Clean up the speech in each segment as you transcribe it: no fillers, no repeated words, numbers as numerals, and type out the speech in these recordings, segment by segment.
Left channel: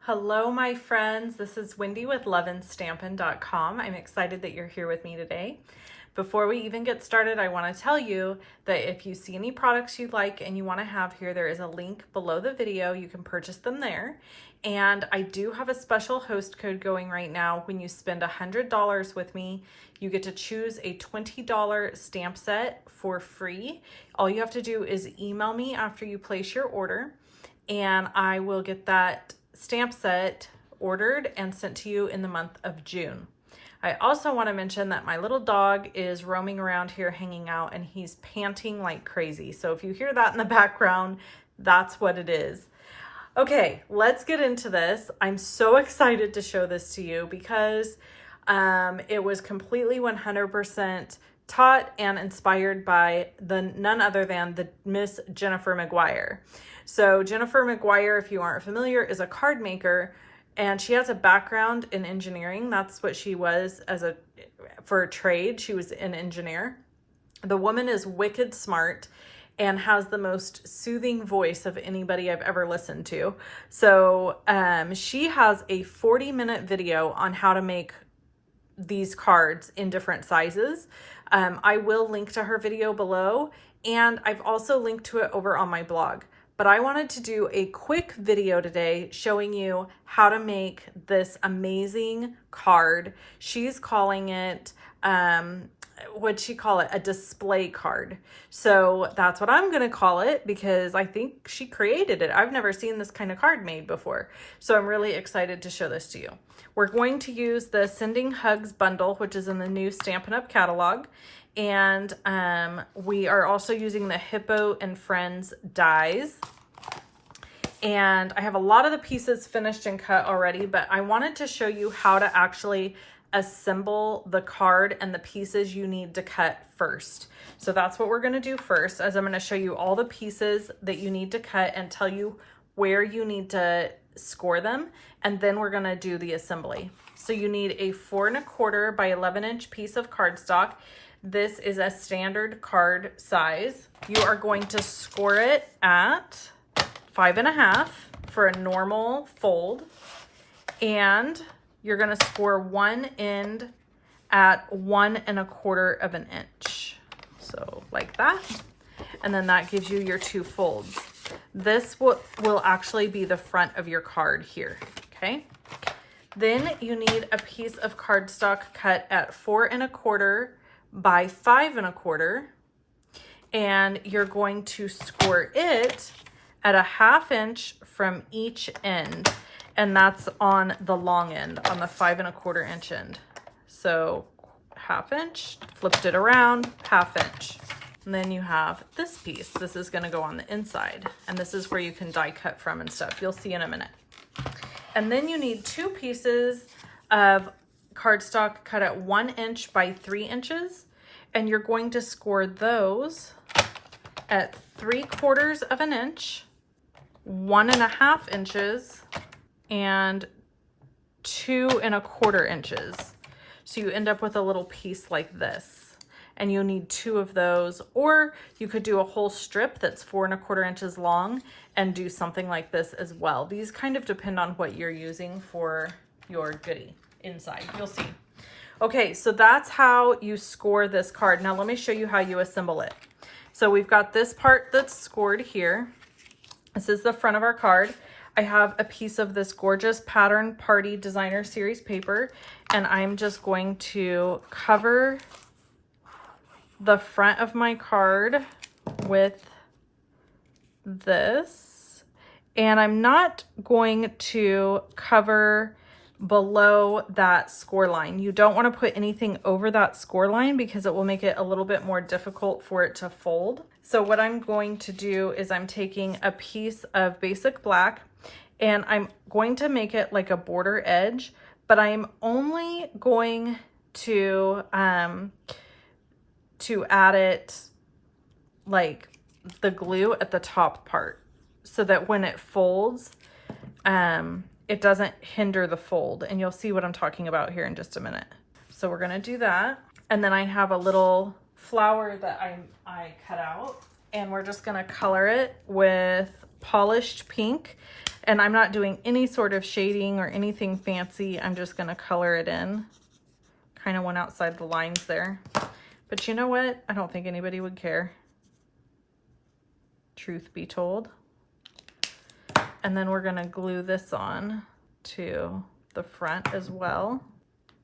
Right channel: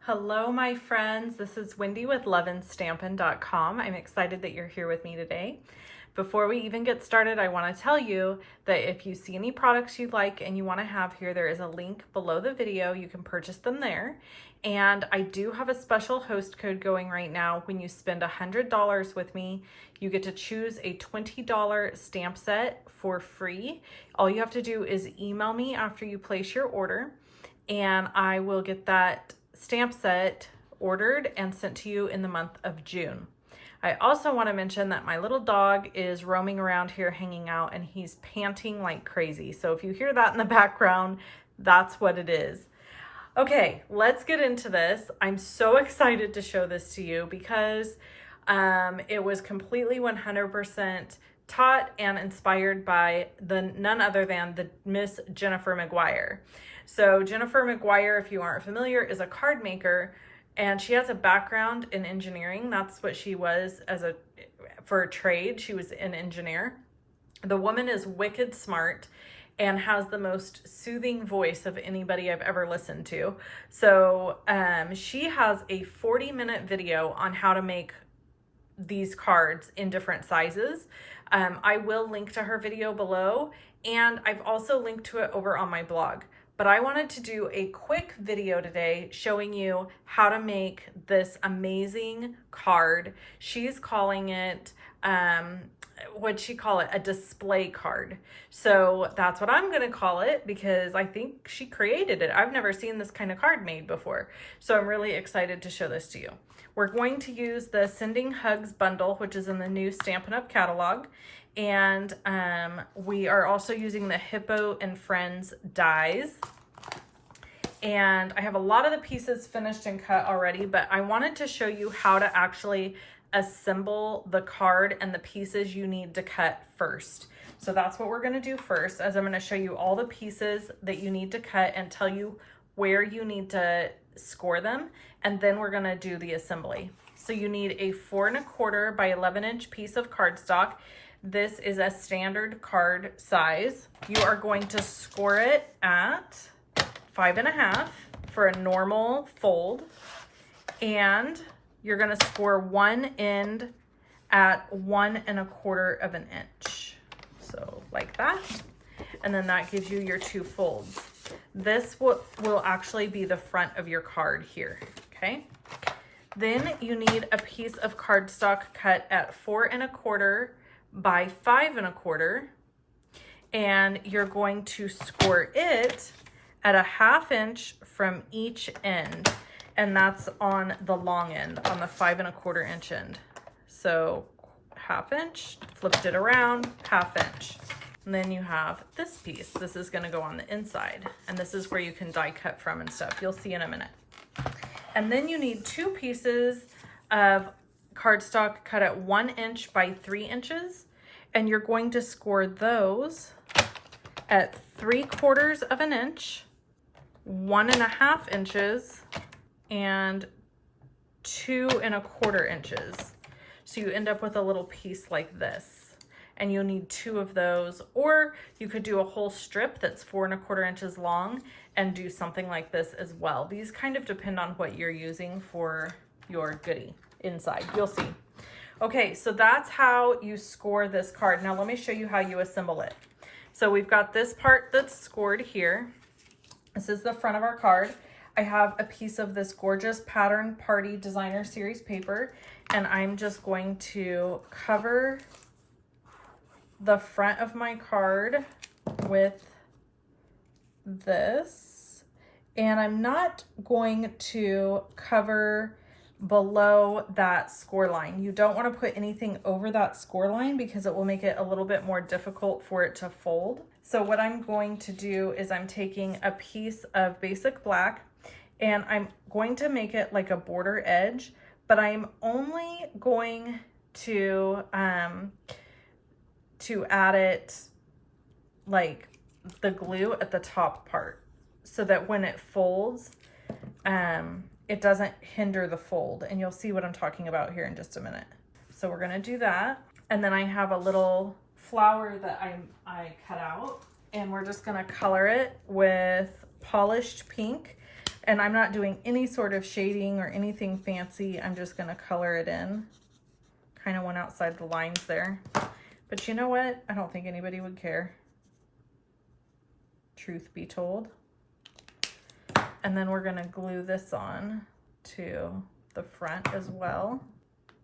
Hello, my friends. This is Wendy with loveandstampin.com. I'm excited that you're here with me today. Before we even get started, I want to tell you that if you see any products you like and you want to have here, there is a link below the video. You can purchase them there. And I do have a special host code going right now. When you spend $100 with me, you get to choose a $20 stamp set for free. All you have to do is email me after you place your order, and I will get that stamp set ordered and sent to you in the month of June. I also want to mention that my little dog is roaming around here hanging out, and he's panting like crazy. So if you hear that in the background, that's what it is. Okay, let's get into this. I'm so excited to show this to you because it was completely 100% taught and inspired by none other than the Miss Jennifer McGuire. So Jennifer McGuire, if you aren't familiar, is a card maker, and she has a background in engineering. That's what she was for a trade. She was an engineer. The woman is wicked smart and has the most soothing voice of anybody I've ever listened to. So she has a 40-minute video on how to make these cards in different sizes. I will link to her video below, and I've also linked to it over on my blog. But I wanted to do a quick video today showing you how to make this amazing card. She's calling it, what'd she call it? A display card. So that's what I'm gonna call it because I think she created it. I've never seen this kind of card made before. So I'm really excited to show this to you. We're going to use the Sending Hugs bundle, which is in the new Stampin' Up! Catalog. And we are also using the Hippo and Friends dies. And I have a lot of the pieces finished and cut already, but I wanted to show you how to actually assemble the card and the pieces you need to cut first. So that's what we're going to do first, as I'm going to show you all the pieces that you need to cut and tell you where you need to score them. And then we're going to do the assembly. So you need a 4 1/4 by 11-inch piece of cardstock. This is a standard card size. You are going to score it at 5 1/2 for a normal fold, and you're going to score one end at 1 1/4 of an inch. So like that, and then that gives you your 2 folds. This will actually be the front of your card here, okay? Then you need a piece of cardstock cut at 4 1/4 by 5 1/4, and you're going to score it at a 1/2 inch from each end, and that's on the long end, on the 5 1/4 inch end. So 1/2 inch, flipped it around, 1/2 inch. And then you have this piece. This is gonna go on the inside, and this is where you can die cut from and stuff. You'll see in a minute. And then you need 2 pieces of cardstock cut at 1 inch by 3 inches, and you're going to score those at 3/4 of an inch, 1 1/2 inches, and 2 1/4 inches. So you end up with a little piece like this, and you'll need 2 of those, or you could do a whole strip that's 4 1/4 inches long and do something like this as well. These kind of depend on what you're using for your goodie inside. You'll see. Okay, so that's how you score this card. Now let me show you how you assemble it. So we've got this part that's scored here. This is the front of our card. I have a piece of this gorgeous Pattern Party Designer Series paper, and I'm just going to cover the front of my card with this, and I'm not going to cover below that score line. You don't want to put anything over that score line because it will make it a little bit more difficult for it to fold. So what I'm going to do is I'm taking a piece of basic black, and I'm going to make it like a border edge, but I'm only going to add it like the glue at the top part so that when it folds, it doesn't hinder the fold. And you'll see what I'm talking about here in just a minute. So we're gonna do that. And then I have a little flower that I cut out, and we're just gonna color it with polished pink, and I'm not doing any sort of shading or anything fancy. I'm just gonna color it in. Kind of went outside the lines there. But you know what? I don't think anybody would care. Truth be told. And then we're gonna glue this on to the front as well.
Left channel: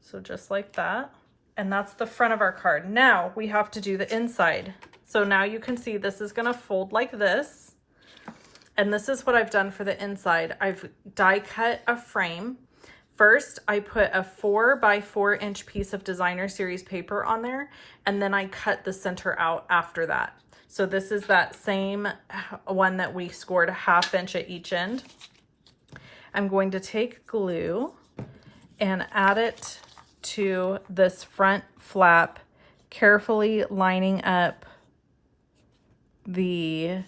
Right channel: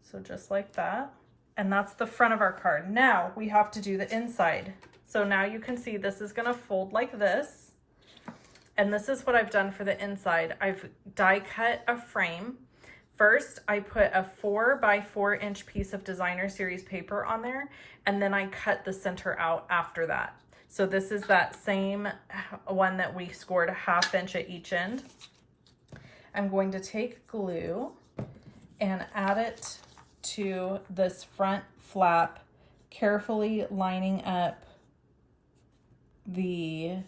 So just like that. And that's the front of our card. Now we have to do the inside. So now you can see this is gonna fold like this. And this is what I've done for the inside. I've die cut a frame. First, I put a 4 by 4 inch piece of designer series paper on there, and then I cut the center out after that. So this is that same one that we scored a 1/2 inch at each end. I'm going to take glue and add it to this front flap, carefully lining up the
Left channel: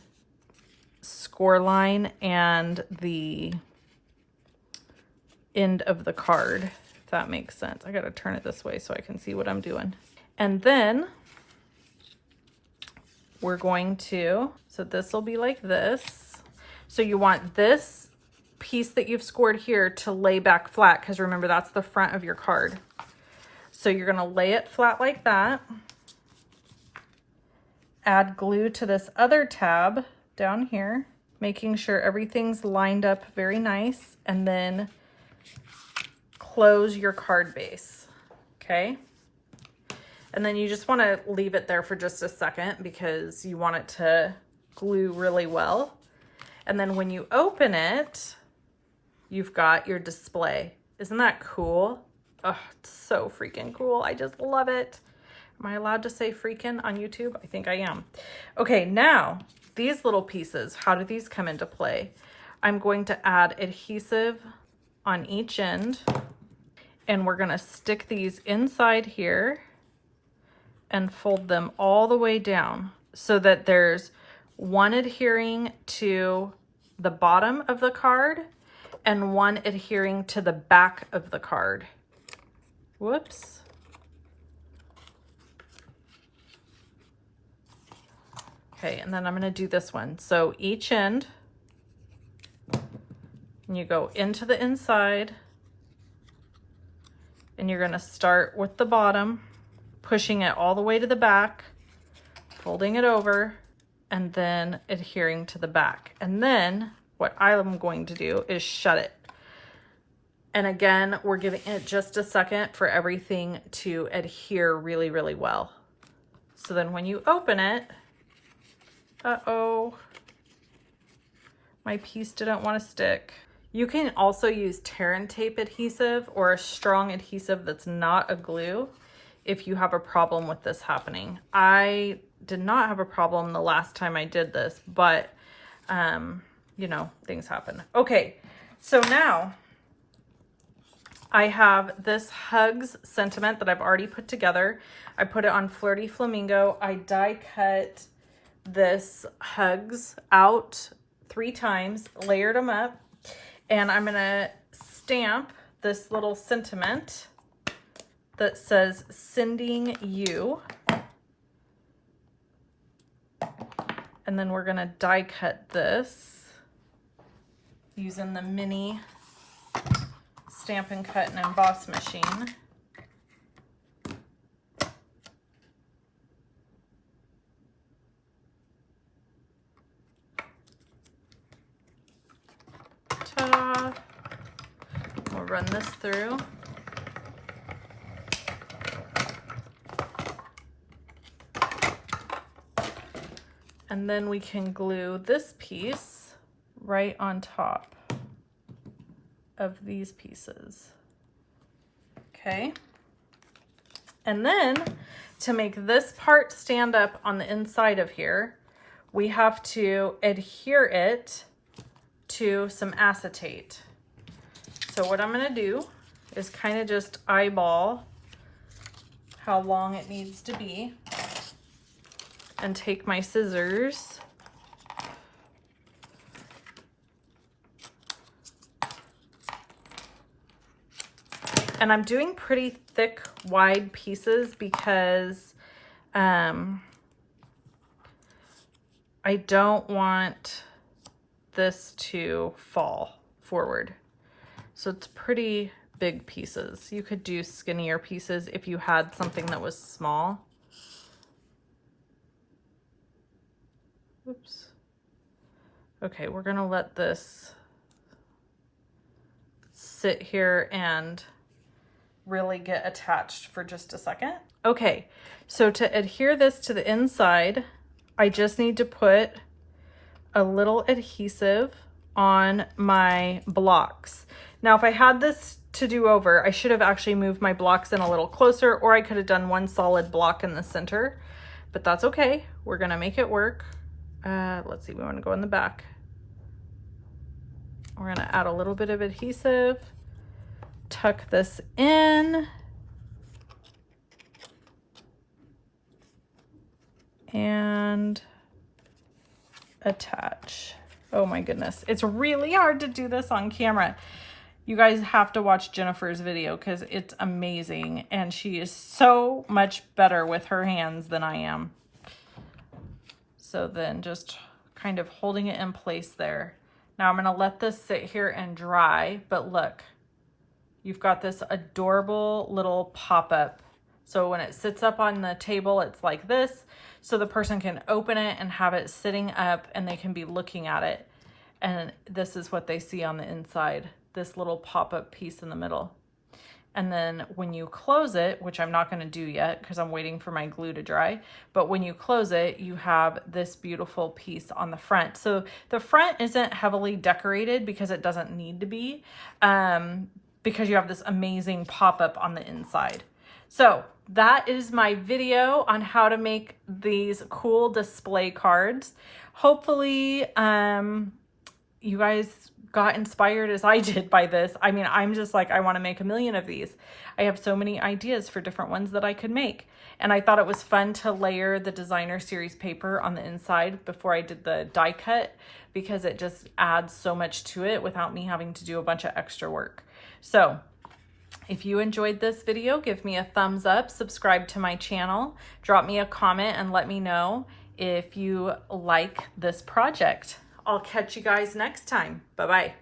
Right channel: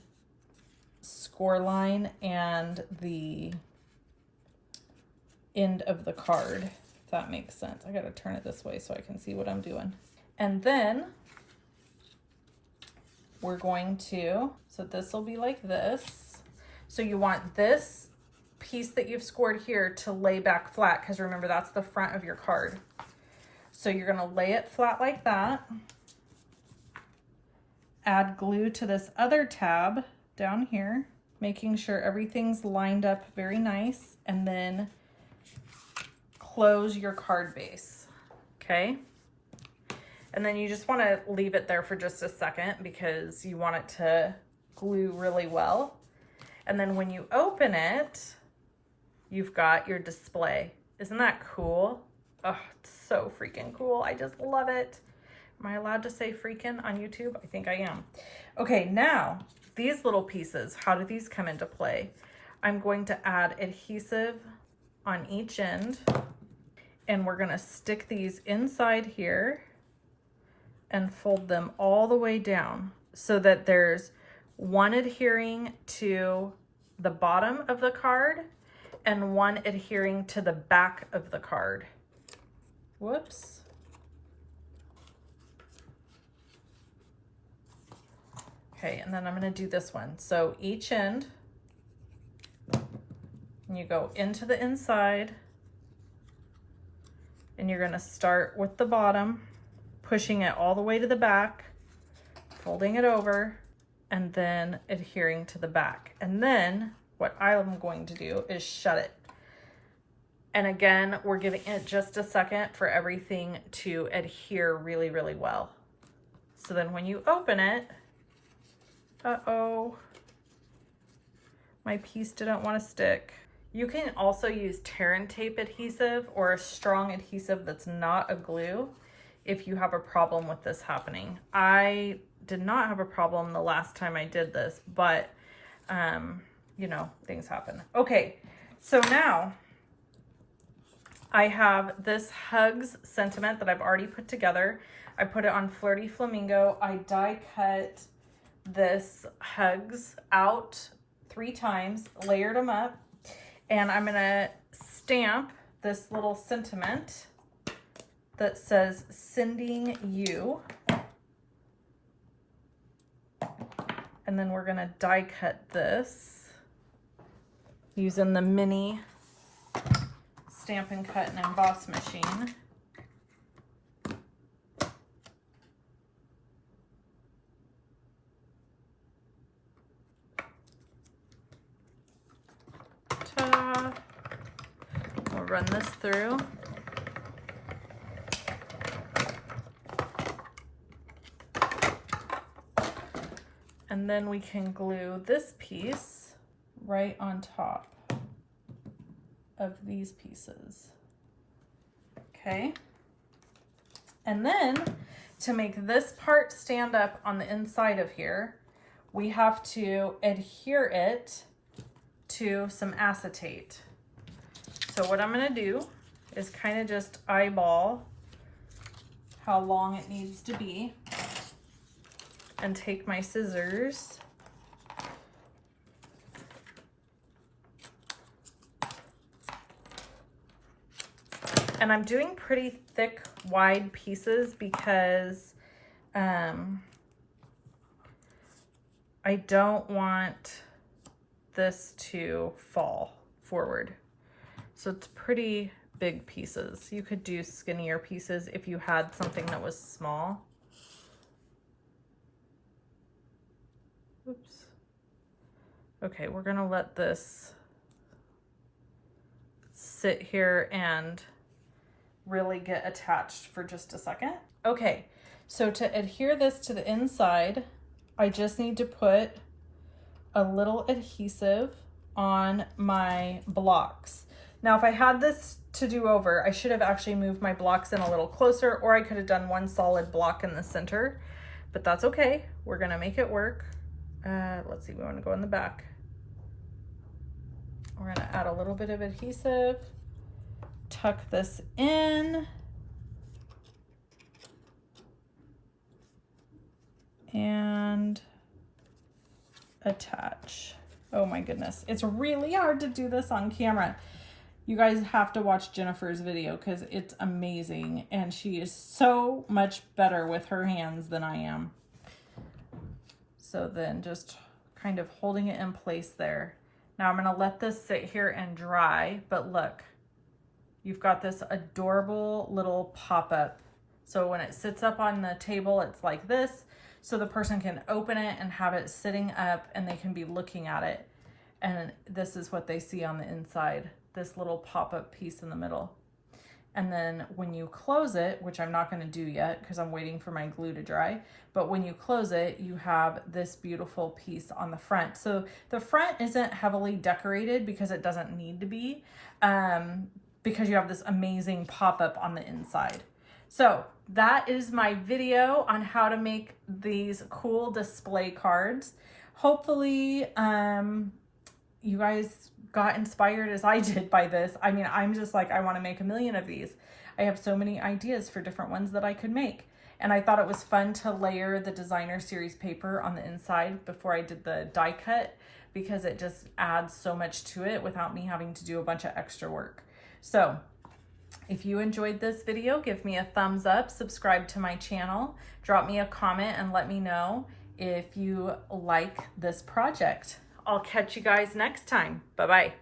score line and the end of the card, if that makes sense. I gotta turn it this way so I can see what I'm doing. And then we're going to, so this will be like this. So you want this piece that you've scored here to lay back flat, because remember, that's the front of your card. So you're gonna lay it flat like that. Add glue to this other tab down here, making sure everything's lined up very nice, and then close your card base, okay? And then you just want to leave it there for just a second because you want it to glue really well. And then when you open it, you've got your display. Isn't that cool? Oh, it's so freaking cool. I just love it. Am I allowed to say freaking on YouTube? I think I am. Okay, now these little pieces, how do these come into play? I'm going to add adhesive on each end, and we're gonna stick these inside here and fold them all the way down so that there's one adhering to the bottom of the card and one adhering to the back of the card. Whoops. Okay, and then I'm gonna do this one. So each end, and you go into the inside, and you're gonna start with the bottom, pushing it all the way to the back, folding it over, and then adhering to the back. And then what I'm going to do is shut it. And again, we're giving it just a second for everything to adhere really, really well. So then when you open it, uh-oh, my piece didn't want to stick. You can also use tear and tape adhesive or a strong adhesive that's not a glue if you have a problem with this happening. I did not have a problem the last time I did this, but you know, things happen. Okay, so now I have this Hugs sentiment that I've already put together. I put it on Flirty Flamingo. I die cut this Hugs out 3 times, layered them up, and I'm gonna stamp this little sentiment that says sending you. And then we're gonna die cut this using the mini Stampin' Cut and Emboss machine. Ta-da. We'll run this through. And then we can glue this piece right on top of these pieces. Okay. And then to make this part stand up on the inside of here, we have to adhere it to some acetate. So what I'm gonna do is kind of just eyeball how long it needs to be and take my scissors and I'm doing pretty thick, wide pieces because I don't want this to fall forward. So it's pretty big pieces. You could do skinnier pieces if you had something that was small. Oops. Okay, we're gonna let this sit here and really get attached for just a second. Okay, so to adhere this to the inside, I just need to put a little adhesive on my blocks. Now, if I had this to do over, I should have actually moved my blocks in a little closer, or I could have done one solid block in the center, but that's okay. We're gonna make it work. Let's see, we wanna go in the back. We're gonna add a little bit of adhesive, tuck this in, and attach. Oh my goodness, it's really hard to do this on camera. You guys have to watch Jennifer's video because it's amazing, and she is so much better with her hands than I am. So then just kind of holding it in place there. Now I'm gonna let this sit here and dry, but look, you've got this adorable little pop-up. So when it sits up on the table, it's like this, so the person can open it and have it sitting up and they can be looking at it. And this is what they see on the inside, this little pop-up piece in the middle. And then when you close it, which I'm not gonna do yet because I'm waiting for my glue to dry, but when you close it, you have this beautiful piece on the front. So the front isn't heavily decorated because it doesn't need to be, because you have this amazing pop-up on the inside. So that is my video on how to make these cool display cards. Hopefully, you guys got inspired as I did by this. I mean, I'm just like, I want to make a million of these. I have so many ideas for different ones that I could make. And I thought it was fun to layer the designer series paper on the inside before I did the die cut, because it just adds so much to it without me having to do a bunch of extra work. So if you enjoyed this video, give me a thumbs up, subscribe to my channel, drop me a comment and let me know if you like this project. I'll catch you guys next time. Bye-bye.